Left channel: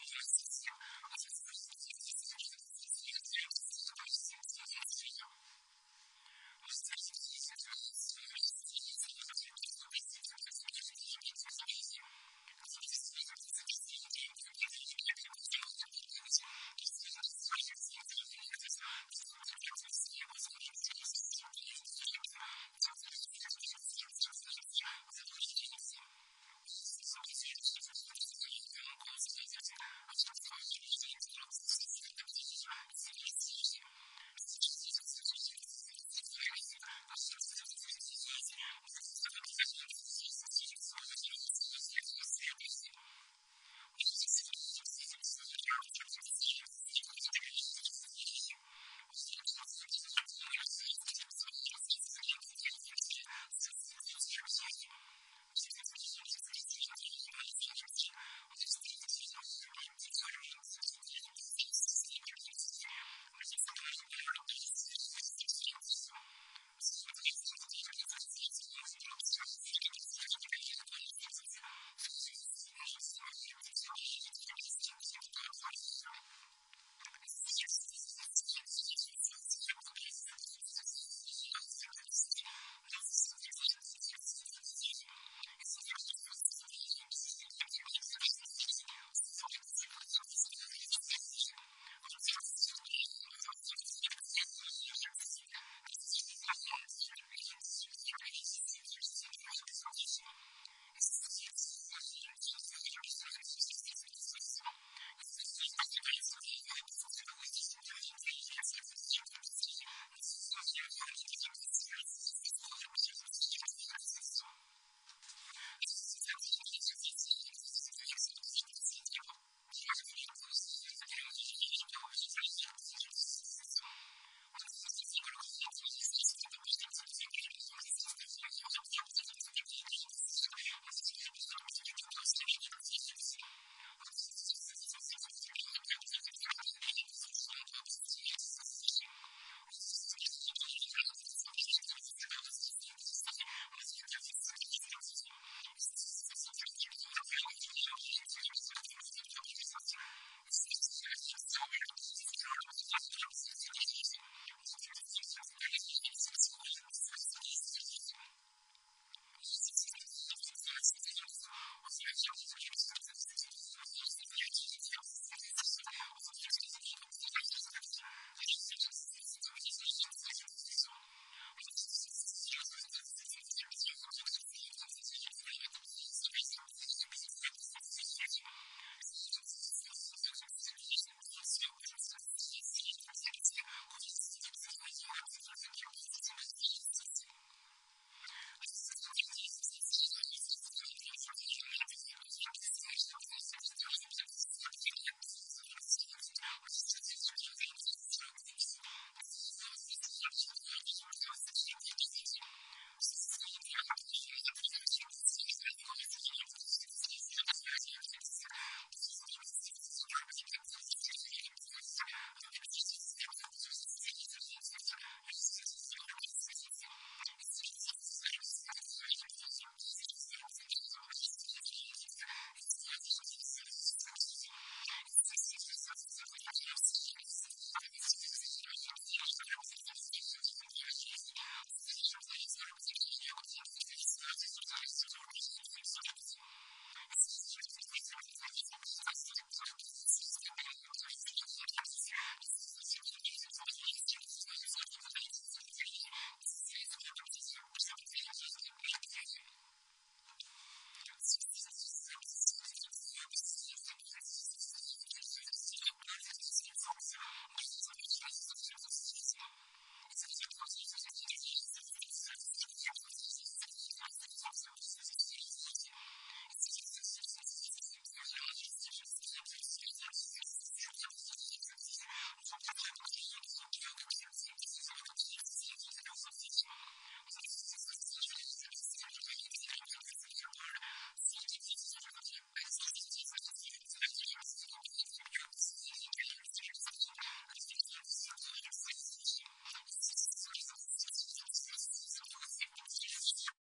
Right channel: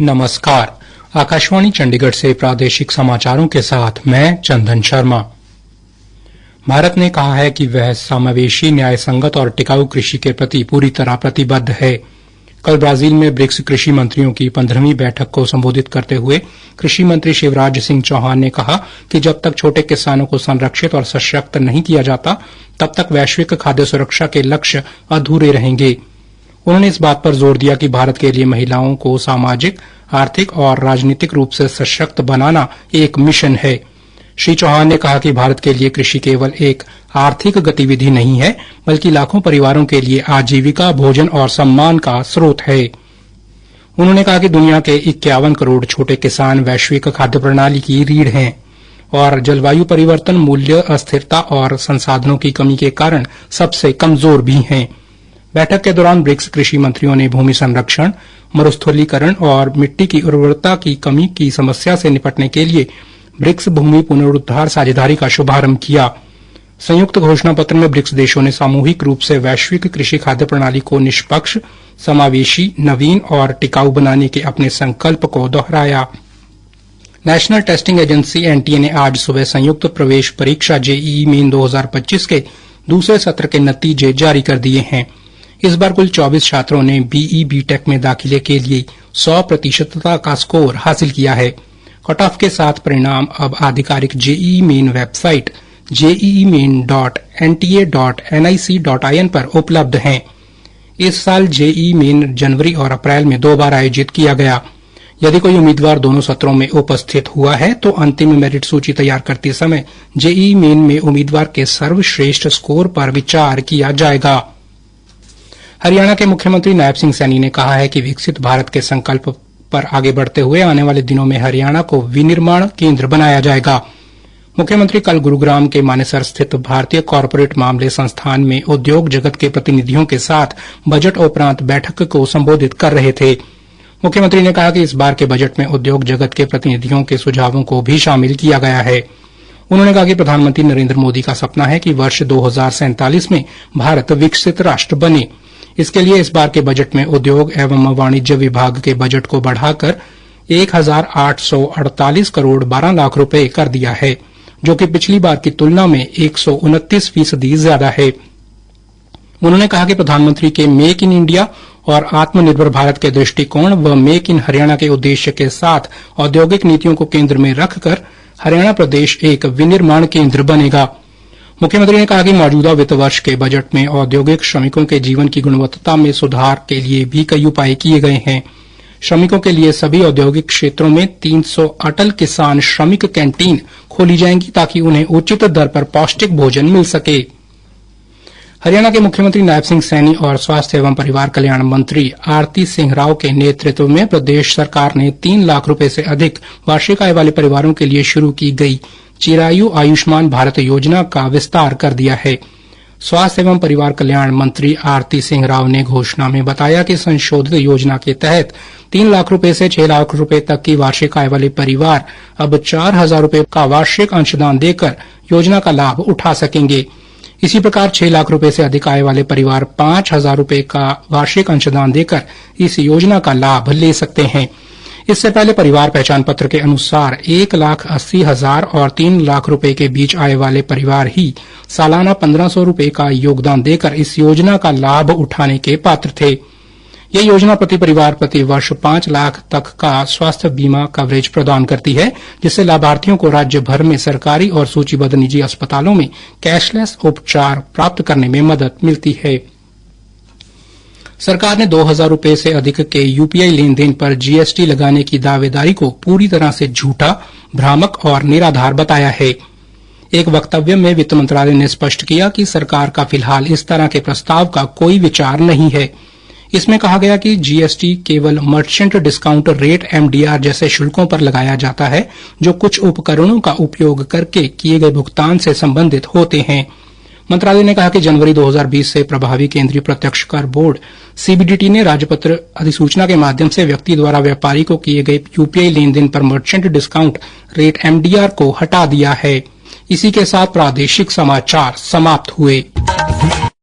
नमस्कार। आकाशवाणी चंडीगढ़ से प्रादेशिक समाचारों के साथ मैं चंदन शर्मा। भारत ने कहा है कि वह समावेशी, न्याय संगत और टिकाऊ कृषि के प्रति पूरी तरह प्रतिबद्ध है। कल ब्राजील में ब्रिक्स कृषि मंत्रियों की 15वीं बैठक को संबोधित करते हुए कृषि मंत्री शिवराज सिंह चौहान ने कहा कि जब तक छोटे किसानों को संरक्षित और सशक्त नहीं किया जाता, तब तक वैश्विक खाद्य सुरक्षा के लक्ष्य अधूरे रहेंगे। उन्होंने इस बात पर जोर दिया कि भारत के लिए महिलाओं को सामाजिक, आर्थिक और राजनीतिक रूप से सशक्त बनाना एक मिशन है। श्री चौहान ने कहा कि भारत के लिए कृषि केवल एक आर्थिक गतिविधि नहीं है, बल्कि लाखों परिवारों के लिए आजीविका, भोजन और सम्मान का स्रोत है। उन्होंने कहा कि दुनिया के 51 करोड़ छोटे किसान वैश्विक खाद्य प्रणाली की रीढ़ हैं और जलवायु परिवर्तन, मूल्य अस्थिरता और संसाधनों की कमी के कारण सबसे कमजोर भी हैं। बैठक के दौरान ब्रिक्स कृषि मंत्रियों ने भूमि संरक्षण, मरुस्थलीकरण और मिट्टी की उर्वरता की कमी की समस्या से निपटने के लिए ब्रिक्स भूमि पुनरुद्धार साझेदारी का शुभारंभ किया। संयुक्त घोषणा पत्र में ब्रिक्स देशों ने सामूहिक रूप से वैश्विक कृषि खाद्य प्रणाली को निष्पक्ष, समावेशी, नवीन और टिकाऊ बनाने के अपने संकल्प को दोहराया। नेशनल टेस्टिंग एजेंसी एनटीए ने आज सुबह संयुक्त प्रवेश परीक्षा जेईई मेन 2025 के दूसरे सत्र के नतीजे जारी कर दिए हैं। इस बार कुल 24 छात्रों ने बीई बीटेक में दाखिले के लिए 100% का स्कोर हासिल किया है। कट ऑफ के साथ परिणाम अब आधिकारिक जेईई मेन वेबसाइट jee.main.nta.nic.in पर उपलब्ध हैं। इस साल जेईई मेन जनवरी और अप्रैल में 2 बार आयोजित किया गया। यदि कोई उम्मीदवार दोनों सत्रों में उपस्थित हुआ है तो अंतिम मेरिट सूची तैयार करते समय जेईई मेन में उम्मीदवार के सर्वश्रेष्ठ स्कोर पर विचार किया जाएगा। हरियाणा के मुख्यमंत्री नायब सिंह सैनी ने कहा है कि विकसित भारत के संकल्प पर आगे बढ़ते हुए आने वाले दिनों में हरियाणा को विनिर्माण केंद्र बनाया जाएगा। मुख्यमंत्री कल गुरुग्राम के मानेसर स्थित भारतीय कॉरपोरेट मामले संस्थान में उद्योग जगत के प्रतिनिधियों के साथ बजट उपरांत बैठक को संबोधित कर रहे थे। मुख्यमंत्री ने कहा कि इस बार के बजट में उद्योग जगत के प्रतिनिधियों के सुझावों को भी शामिल किया गया है। उन्होंने कहा कि प्रधानमंत्री नरेंद्र मोदी का सपना है कि वर्ष 2047 में भारत विकसित राष्ट्र बने। इसके लिए इस बार के बजट में उद्योग एवं वाणिज्य विभाग के बजट को बढ़ाकर 1848 करोड़ 12 लाख रुपए कर दिया है, जो कि पिछली बार की तुलना में 129% ज्यादा है। उन्होंने कहा कि प्रधानमंत्री के मेक इन इंडिया और आत्मनिर्भर भारत के दृष्टिकोण व मेक इन हरियाणा के उद्देश्य के साथ औद्योगिक नीतियों को केंद्र में रखकर हरियाणा प्रदेश एक विनिर्माण केंद्र बनेगा। मुख्यमंत्री ने कहा कि मौजूदा वित्त वर्ष के बजट में औद्योगिक श्रमिकों के जीवन की गुणवत्ता में सुधार के लिए भी कई उपाय किए गए हैं। श्रमिकों के लिए सभी औद्योगिक क्षेत्रों में 300 अटल किसान श्रमिक कैंटीन खोली जाएंगी ताकि उन्हें उचित दर पर पौष्टिक भोजन मिल सके। हरियाणा के मुख्यमंत्री नायब सिंह सैनी और स्वास्थ्य एवं परिवार कल्याण मंत्री आरती सिंह राव के नेतृत्व में प्रदेश सरकार ने 3 लाख रुपए से अधिक वार्षिक आय वाले परिवारों के लिए शुरू की गई चिरायु आयुष्मान भारत योजना का विस्तार कर दिया है। स्वास्थ्य एवं परिवार कल्याण मंत्री आरती सिंह राव ने घोषणा में बताया कि संशोधित योजना के तहत 3 लाख रुपए से 6 लाख रुपए तक की वार्षिक आय वाले परिवार अब 4,000 रुपए का वार्षिक अंशदान देकर योजना का लाभ उठा सकेंगे। इसी प्रकार 6 लाख रुपए से अधिक आय वाले परिवार 5,000 रुपए का वार्षिक अंशदान देकर इस योजना का लाभ ले सकते हैं। इससे पहले परिवार पहचान पत्र के अनुसार 1,80,000 और 3 लाख रुपए के बीच आय वाले परिवार ही सालाना 1,500 रुपए का योगदान देकर इस योजना का लाभ उठाने के पात्र थे। यह योजना प्रति परिवार प्रति वर्ष 5 लाख तक का स्वास्थ्य बीमा कवरेज प्रदान करती है, जिससे लाभार्थियों को राज्य भर में सरकारी और सूचीबद्ध निजी अस्पतालों में कैशलेस उपचार प्राप्त करने में मदद मिलती है। सरकार ने 2,000 रुपए से अधिक के यूपीआई लेन देन पर जीएसटी लगाने की दावेदारी को पूरी तरह से झूठा, भ्रामक और निराधार बताया है। एक वक्तव्य में वित्त मंत्रालय ने स्पष्ट किया कि सरकार का फिलहाल इस तरह के प्रस्ताव का कोई विचार नहीं है। इसमें कहा गया कि जीएसटी केवल मर्चेंट डिस्काउंट रेट एमडीआर जैसे शुल्कों पर लगाया जाता है, जो कुछ उपकरणों का उपयोग करके किए गए भुगतान से संबंधित होते हैं। मंत्रालय ने कहा कि जनवरी 2020 से प्रभावी केंद्रीय प्रत्यक्ष कर बोर्ड सीबीडीटी ने राजपत्र अधिसूचना के माध्यम से व्यक्ति द्वारा व्यापारी को किए गए यूपीआई लेन देन पर मर्चेंट डिस्काउंट रेट एमडीआर को हटा दिया है। इसी के साथ प्रादेशिक समाचार समाप्त हुए।